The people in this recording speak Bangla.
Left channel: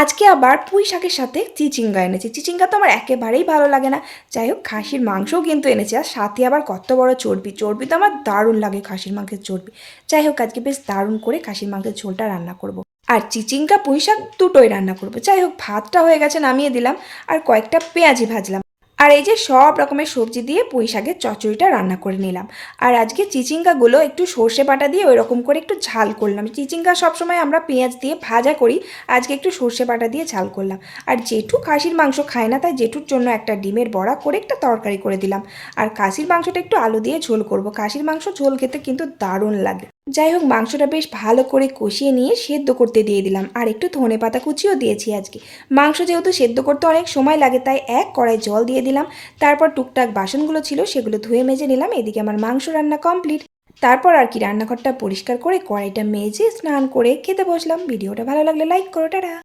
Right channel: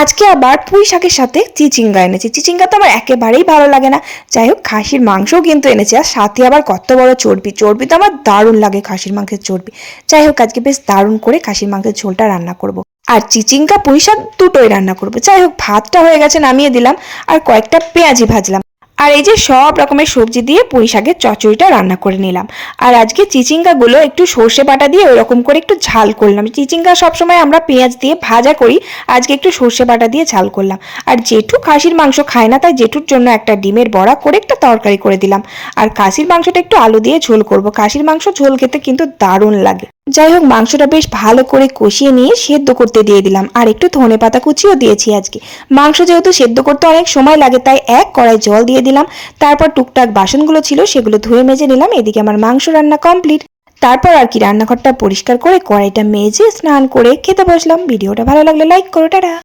আজকে আবার পুঁই শাকের সাথে চিচিঙ্গা এনেছি। চিচিঙ্গা তো আমার একেবারেই ভালো লাগে না। যাই হোক, খাসির মাংসও কিন্তু এনেছি, আর সাথে আবার কত বড় চর্বি। চর্বি তো আমার দারুণ লাগে, খাসির মাংসের চর্বি। যাই হোক, আজকে বেশ দারুণ করে খাসির মাংসের ঝোলটা রান্না করব। আর চিচিঙ্গা পুঁই শাক দুটোই রান্না করব। যাই হোক, ভাতটা হয়ে গেছে, নামিয়ে দিলাম। আর কয়েকটা পেঁয়াজি ভাজলাম। আর এই যে সব রকমের সবজি দিয়ে পুঁই শাকের চচ্চড়িটা রান্না করে নিলাম। আর আজকে চিচিঙ্গাগুলো একটু সর্ষে বাটা দিয়ে ওরকম করে একটু ঝাল করলাম। চিচিঙ্গা সবসময় আমরা পেঁয়াজ দিয়ে ভাজা করি, আজকে একটু সর্ষে বাটা দিয়ে ঝাল করলাম। আর জেঠু খাসির মাংস খায় না, তাই জেঠুর জন্য একটা ডিমের বড়া করে একটা তরকারি করে দিলাম। আর খাসির মাংসটা একটু আলু দিয়ে ঝোল করব। খাসির মাংস ঝোল খেতে কিন্তু দারুণ লাগে। যাই হোক, মাংসটা বেশ ভালো করে কষিয়ে নিয়ে সেদ্ধ করতে দিয়ে দিলাম। আর একটু ধনেপাতা কুচিও দিয়েছি আজকে। মাংস যেহেতু সেদ্ধ করতে অনেক সময় লাগে, তাই এক কড়াই জল দিয়ে দিলাম। তারপর টুকটাক বাসনগুলো ছিল সেগুলো ধুয়ে মেজে নিলাম। এদিকে আমার মাংস রান্না কমপ্লিট। তারপর আর কি রান্নাঘরটা পরিষ্কার করে কড়াইটা মেজে স্নান করে খেতে বসলাম। ভিডিওটা ভালো লাগলে লাইক করো, টাটা।